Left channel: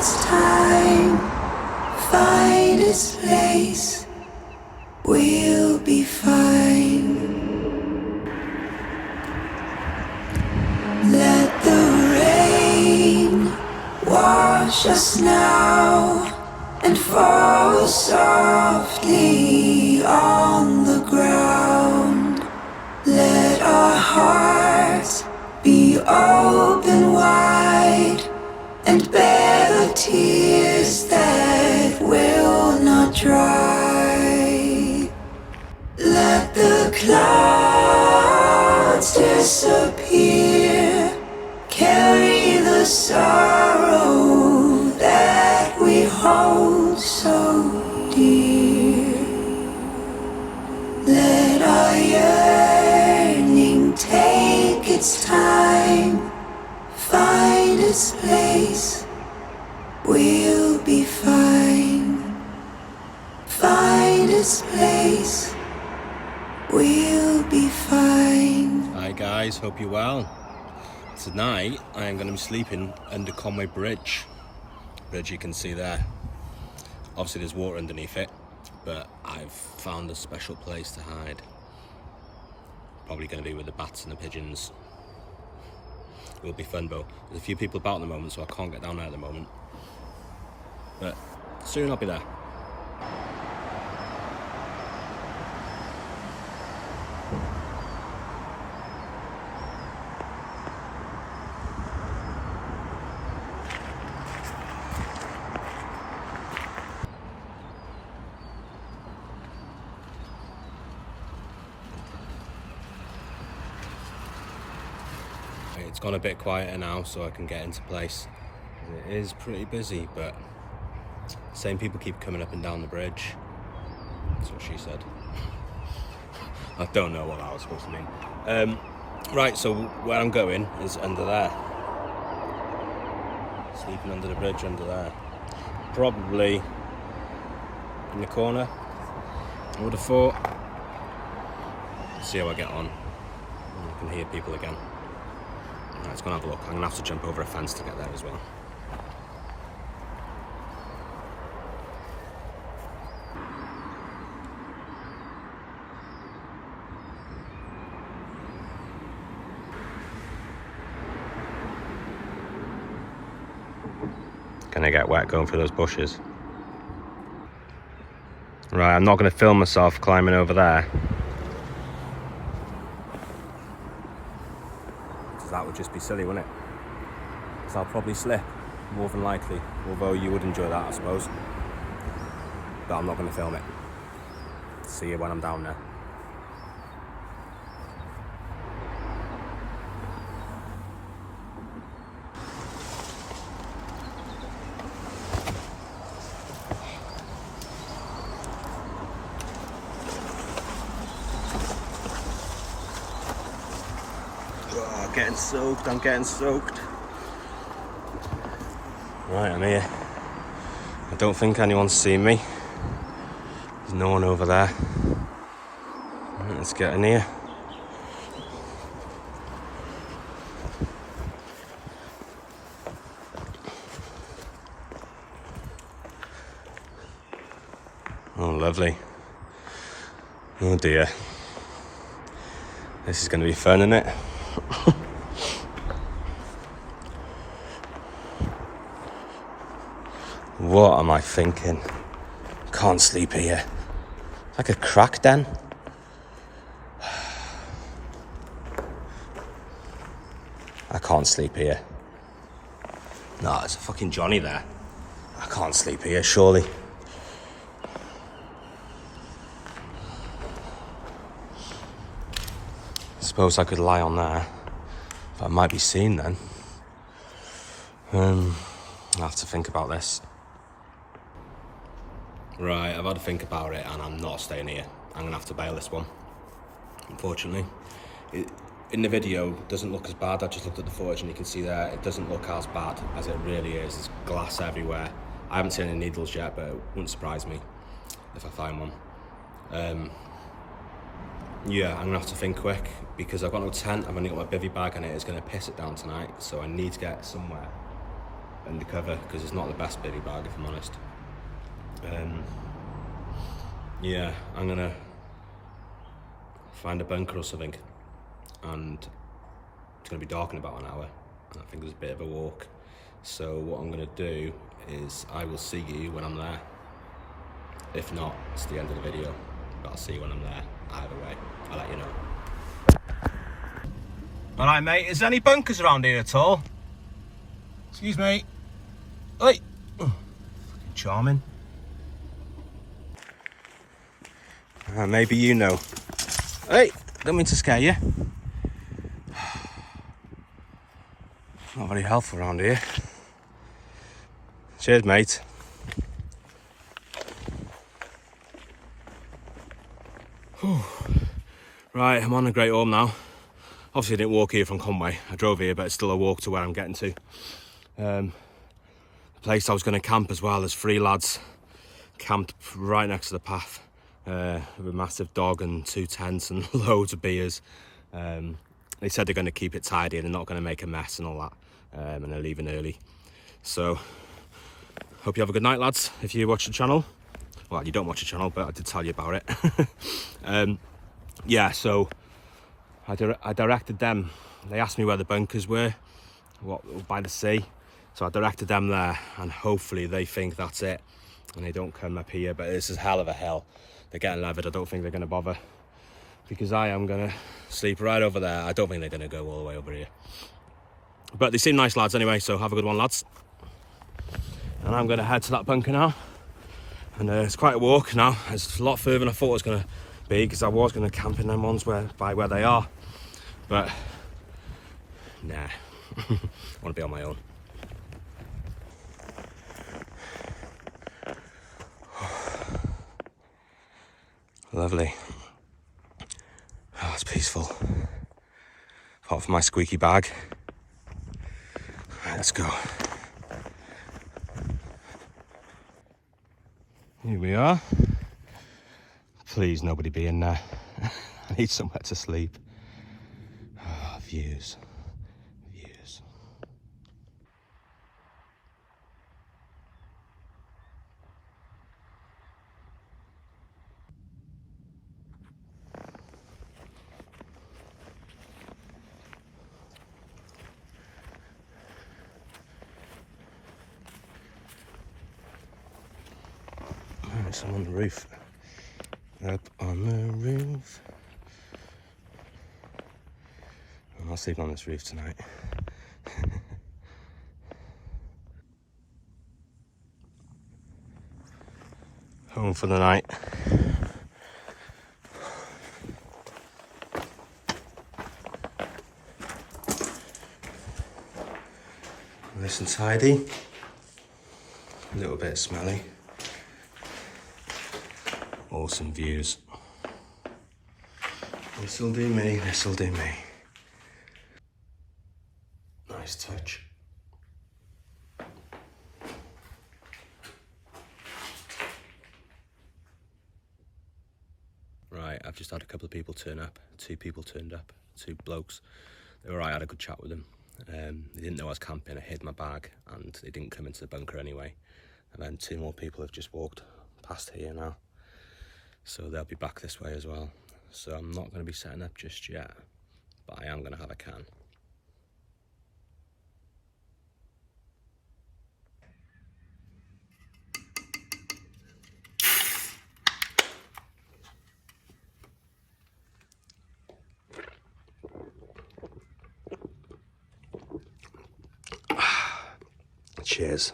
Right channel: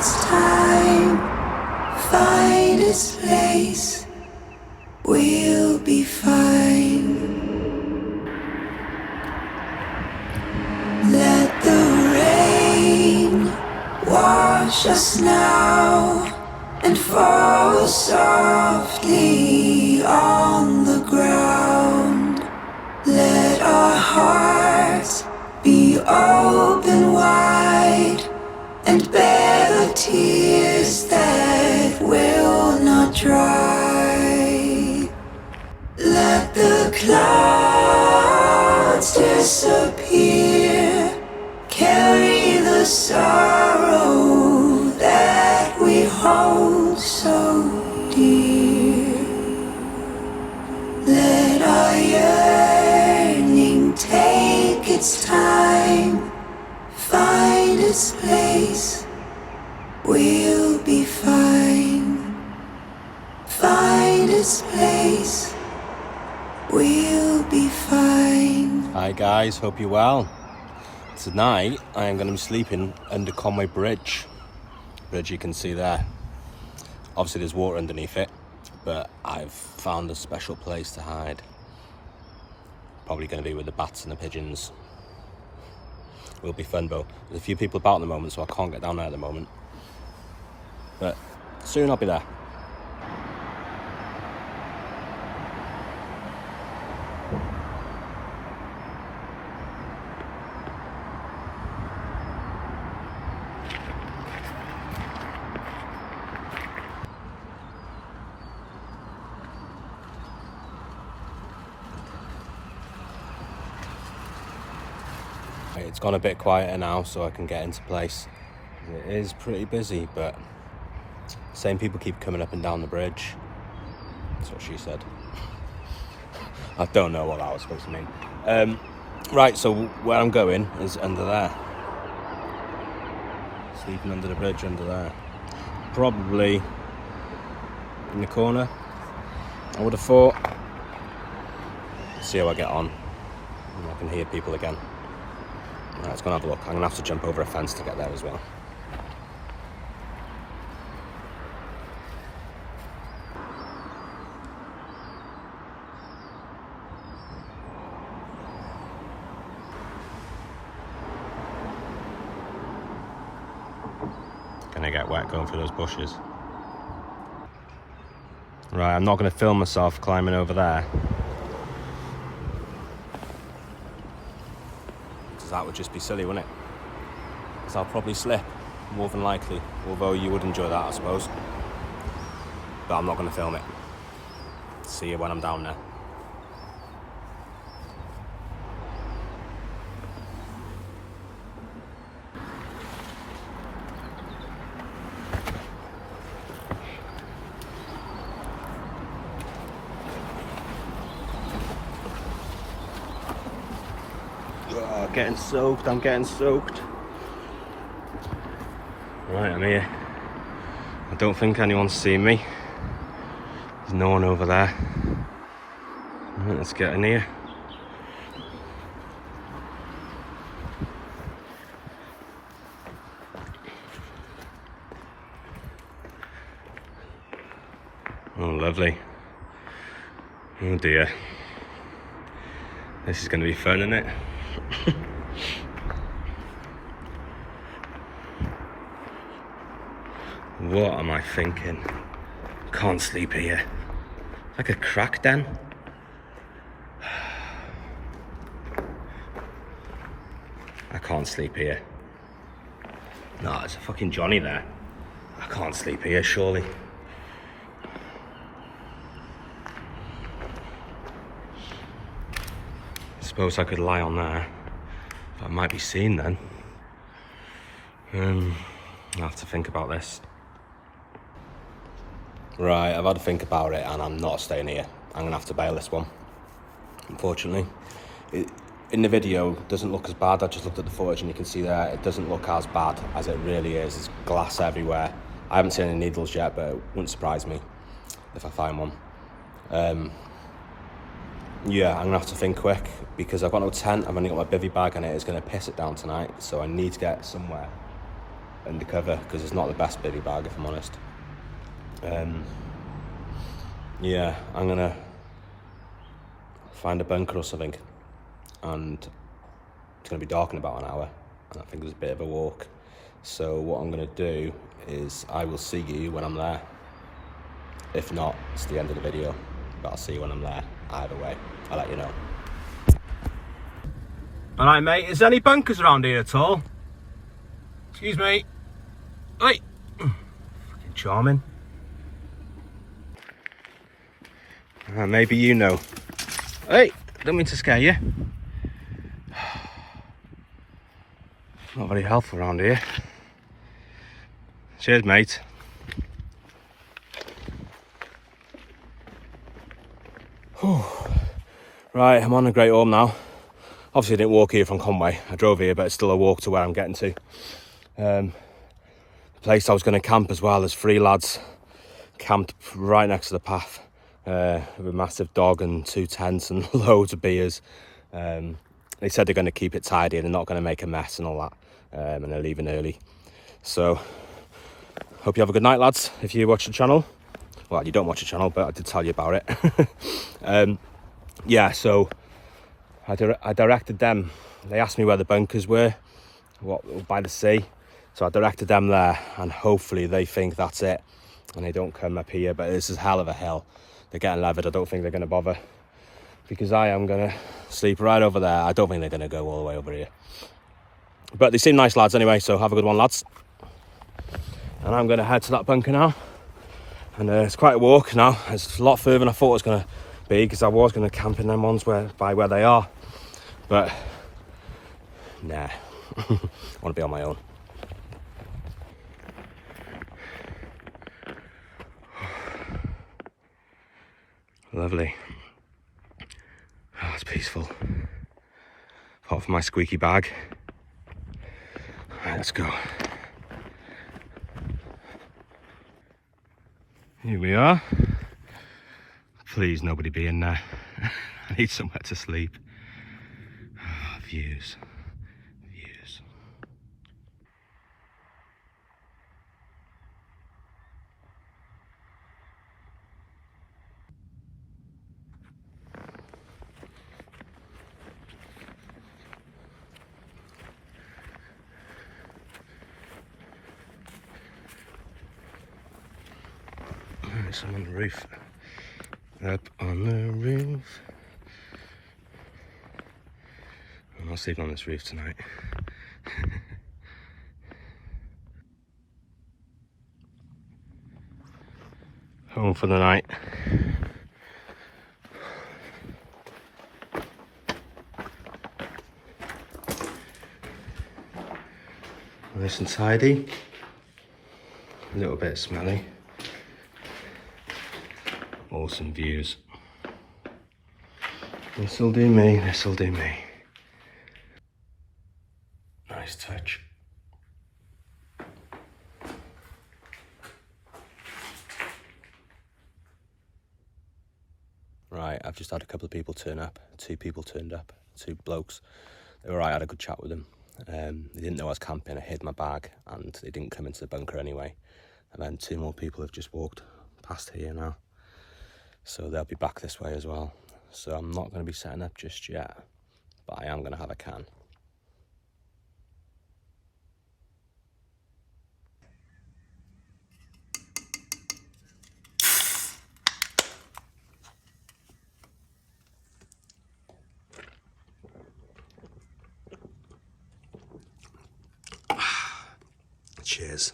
its time, find its place, we'll be fine. Let the rain wash us now and fall softly on the ground. Let our hearts be open wide and bear the tears that will not dry. Let the clouds disappear, carry the sorrow that we hold so dear. Let our yearning take its time, find its place, we'll be fine. Find its place, we'll be fine. Hi guys, hope you're well. Tonight I am going to be sleeping under Conwy bridge you can see there. Obviously there's water underneath it, but I've found a special place to hide. Probably going to be with the bats and the pigeons. It will be fun though. There's a few people about at the moment, so I can't get down there at the moment, but soon I'll be there. It's gone a bit quieter now, so I can get into place. It is pretty busy, but same people keep coming up and down the bridge. That's what she said. I don't know what that was supposed to mean. Right, so where I'm going is under there. Sleeping under the bridge under there. Probably in the corner, I would have thought. See how I get on. I can hear people again. Right, let's go and have a look. I'm going to have to jump over a fence to get there as well. Gonna get wet going through those bushes. Right, I'm not going to film myself climbing over there. That would just be silly, wouldn't it? Because I'll probably slip, more than likely. Although you would enjoy that, I suppose. But I'm not going to film it. See you when I'm down there. Getting soaked, I'm getting soaked. Right, I'm here. I don't think anyone's seen me. There's no one over there. Right, let's get in here. Oh, lovely. Oh dear. This is going to be fun, isn't it? What am I thinking? Can't sleep here. Like a crack den. I can't sleep here. No, there's a fucking Johnny there. I can't sleep here, surely. Suppose I could lie on there. But I might be seen then. I'll have to think about this. Right, I've had to think about it and I'm not staying here. I'm gonna have to bail this one, unfortunately. In the video, it doesn't look as bad. I just looked at the footage and you can see there, it doesn't look as bad as it really is. There's glass everywhere. I haven't seen any needles yet, but it wouldn't surprise me if I find one. Yeah, I'm gonna have to think quick because I've got no tent. I've only got my bivvy bag and it is gonna piss it down tonight. So I need to get somewhere undercover because it's not the best bivvy bag, if I'm honest. Yeah, I'm gonna find a bunker or something, and it's gonna be dark in about an hour, and I think there's a bit of a walk. So what I'm gonna do is I will see you when I'm there. If not, it's the end of the video, but I'll see you when I'm there. Either way, I'll let you know. All right, mate, is there any bunkers around here at all? Excuse me. Hey, fucking charming. Maybe you know. Hey, don't mean to scare you. It's not very helpful around here. Cheers, mate. Whew. Right, I'm on the Great Orme now. Obviously I didn't walk here from Conwy. I drove here, but it's still a walk to where I'm getting to. The place I was going to camp as well, there's 3 lads camped right next to the path. With a massive dog and 2 tents and loads of beers. They said they're going to keep it tidy and they're not going to make a mess and all that, and they're leaving early. So hope you have a good night, lads, if you watch the channel. Well, you don't watch the channel, but I did tell you about it. Yeah, so I directed them. They asked me where the bunkers were, by the sea, so I directed them there, and hopefully they think that's it and they don't come up here. But this is hell of a hill. They're getting levered. I don't think they're going to bother, because I am going to sleep right over there. I don't think they're going to go all the way over here. But they seem nice lads anyway, so have a good one, lads. And I'm going to head to that bunker now. And it's quite a walk now. It's a lot further than I thought it was going to be, because I was going to camp in them ones by where they are. But, nah. I want to be on my own. Lovely. Oh, it's peaceful. Apart from my squeaky bag. Right, let's go. Here we are. Please, nobody be in there. I need somewhere to sleep. Oh, views. Views. I'm on the roof. Up on the roof. I'll sleep on this roof tonight. Home for the night. Nice and tidy. A little bit smelly. Awesome views. This'll do me, this'll do me. Nice touch. Right, I've just had a couple of people turn up. 2 people turned up, 2 blokes. They were right, I had a good chat with them. They didn't know I was camping, I hid my bag, and they didn't come into the bunker anyway. And then 2 more people have just walked past here now. So they'll be back this way as well. So I'm not going to be setting up just yet, but I am going to have a can. Cheers.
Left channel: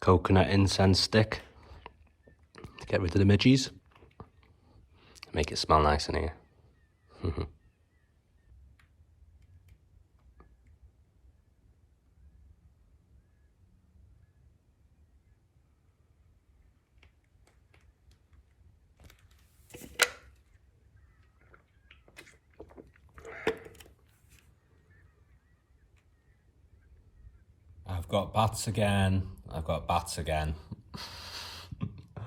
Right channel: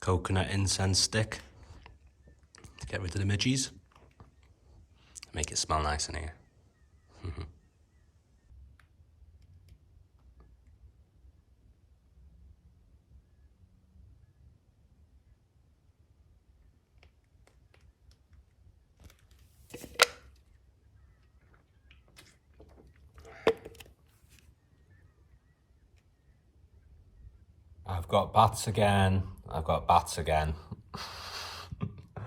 Coconut incense stick to get rid of the midges. Make it smell nice in here. I've got bats again. I've got bats again.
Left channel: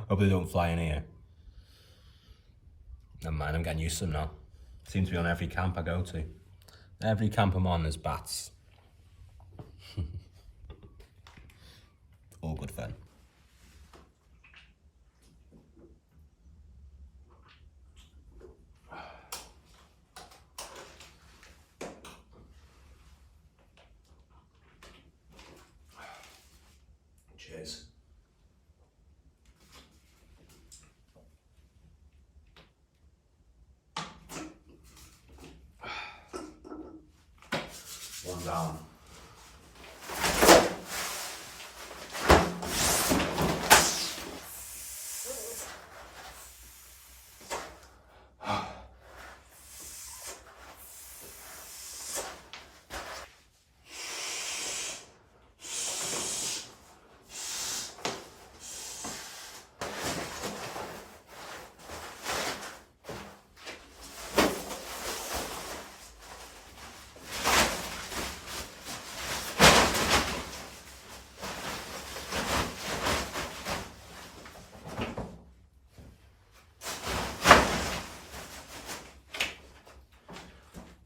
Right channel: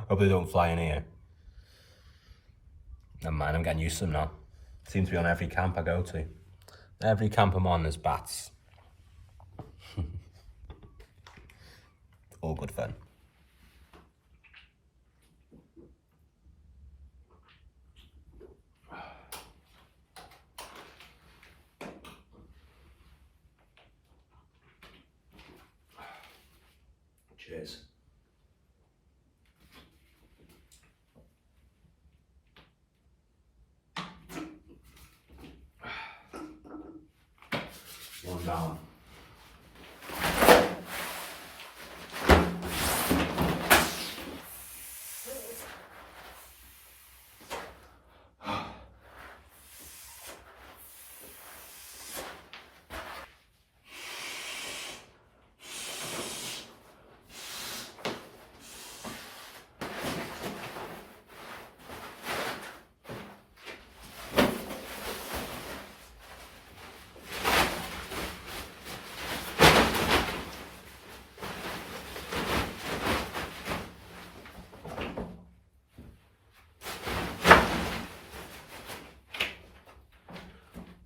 Hope they don't fly in here. Never mind, I'm getting used to them now. Seems to be on every camp I go to. Every camp I'm on, there's bats. All good fun. Cheers. One down.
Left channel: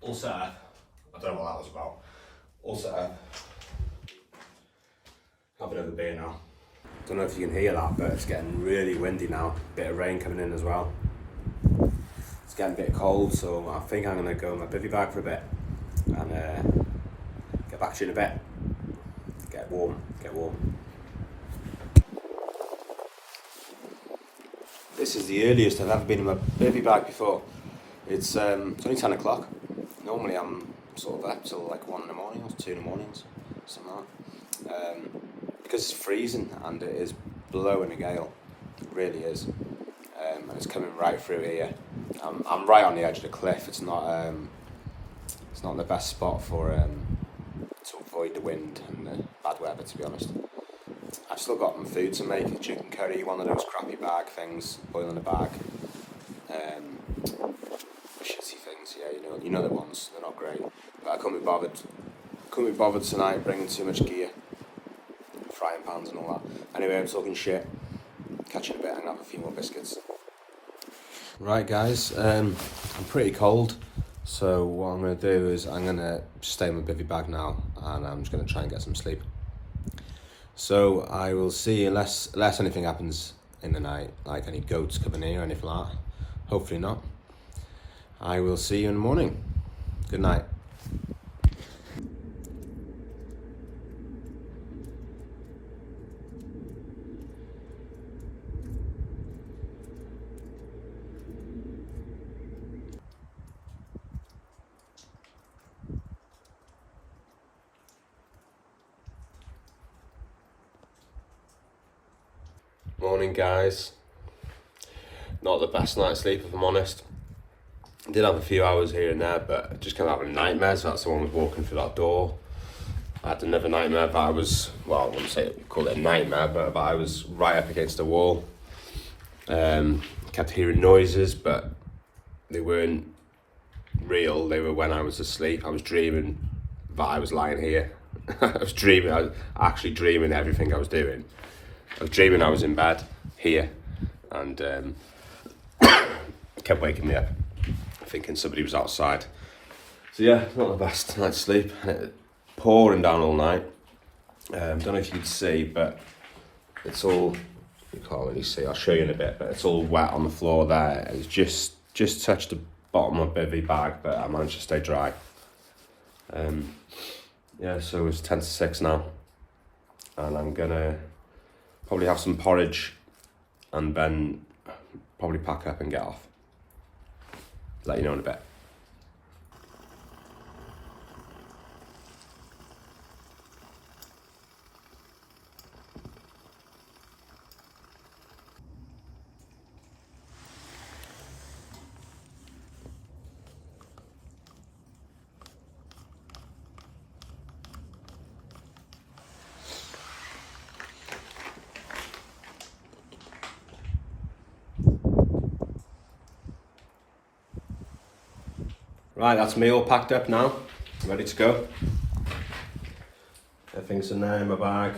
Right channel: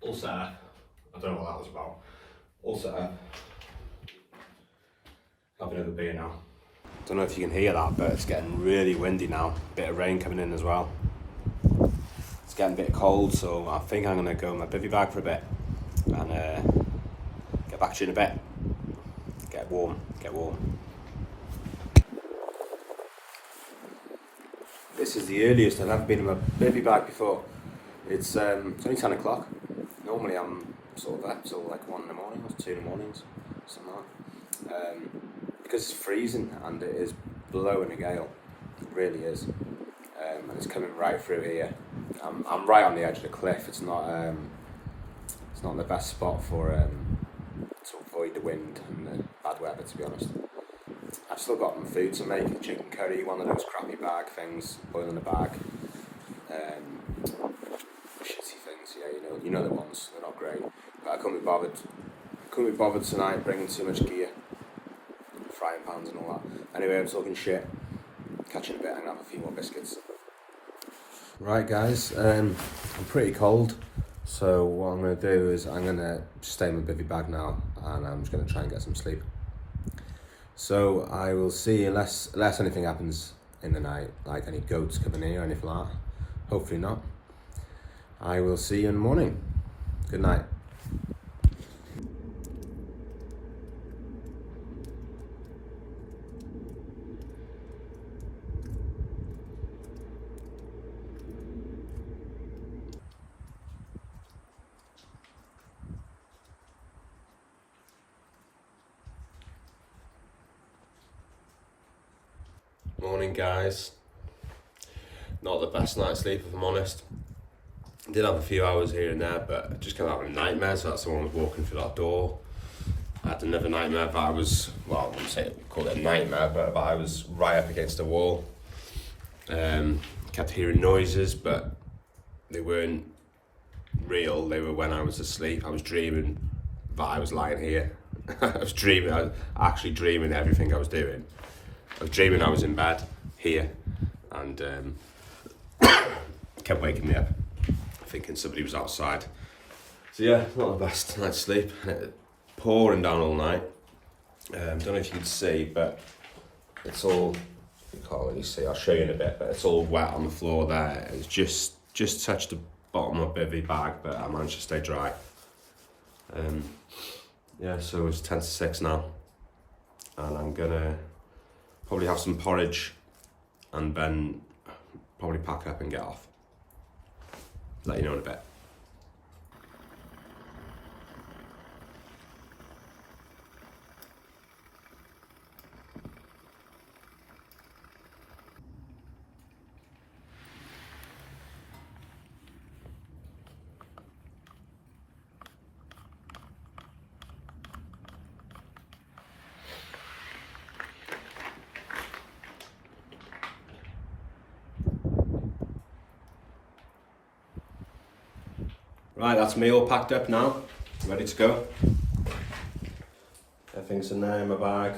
All set up. I don't know what that was about. All set up. Have another beer now. Don't know if you can hear that, but it's getting really windy now. Bit of rain coming in as well. It's getting a bit cold, so I think I'm gonna go in my bivvy bag for a bit and get back to you in a bit. Get warm, get warm. This is the earliest I've ever been in my bivvy bag before. It's only 10 o'clock. Normally I'm sort of up till like 1 in the morning or 2 in the mornings, something like that. Because it's freezing and it is blowing a gale, it really is, and it's coming right through here. I'm right on the edge of the cliff. It's not the best spot for to avoid the wind and the bad weather, to be honest. I've still got my food to make, chicken curry, one of those crappy bag things, boil in a bag. Shitty things, yeah, you know the ones, they're not great. But I couldn't be bothered tonight bringing too much gear, frying pans and all that. Anyway, I'm talking shit. Catch you in a bit and have a few more biscuits. Right guys, I'm pretty cold, so what I'm going to do is I'm going to stay in my bivvy bag now and I'm just going to try and get some sleep. So I will see, unless anything happens in the night, like any goats coming here or anything like that. Hopefully not. I will see you in the morning. Good night. Morning guys. Not the best night's sleep if I'm honest. I did have a few hours here and there, but I just came out with a nightmare, so that's the one I was walking through that door. I had another nightmare, but I was, well, I wouldn't say call it a nightmare, but I was right up against the wall. Kept hearing noises, but they weren't real. They were when I was asleep. I was dreaming that I was lying here. I was actually dreaming everything I was doing. I was dreaming I was in bed here, and kept waking me up, thinking somebody was outside. So yeah, not the best night's sleep. Pouring down all night. Don't know if you'd see, but it's all, you can't really see, I'll show you in a bit, but it's all wet on the floor there. It's just touched the bottom of my bivvy bag, but I managed to stay dry. Yeah, so it's 10 to 6 now, and I'm gonna probably have some porridge and then probably pack up and get off. Let you know in a bit. Right, that's me all packed up now, ready to go. Everything's in there in my bag.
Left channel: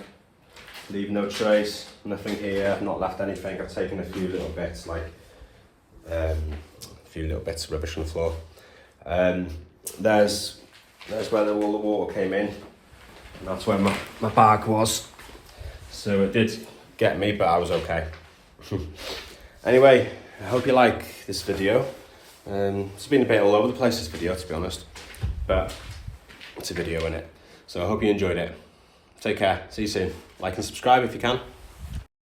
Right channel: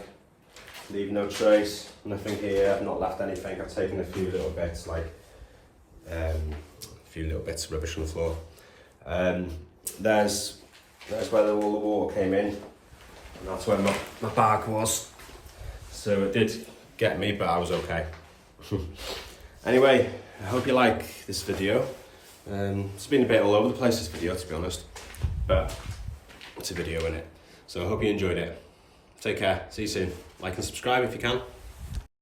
leave no trace, nothing here, not left anything. I've taken a few little bits, like a few little bits of rubbish on the floor. There's where all the water came in, and that's where my bag was. So it did get me, but I was okay. Anyway, I hope you like this video. It's been a bit all over the place, this video, to be honest, but it's a video, innit? So I hope you enjoyed it. Take care, see you soon. Like and subscribe if you can.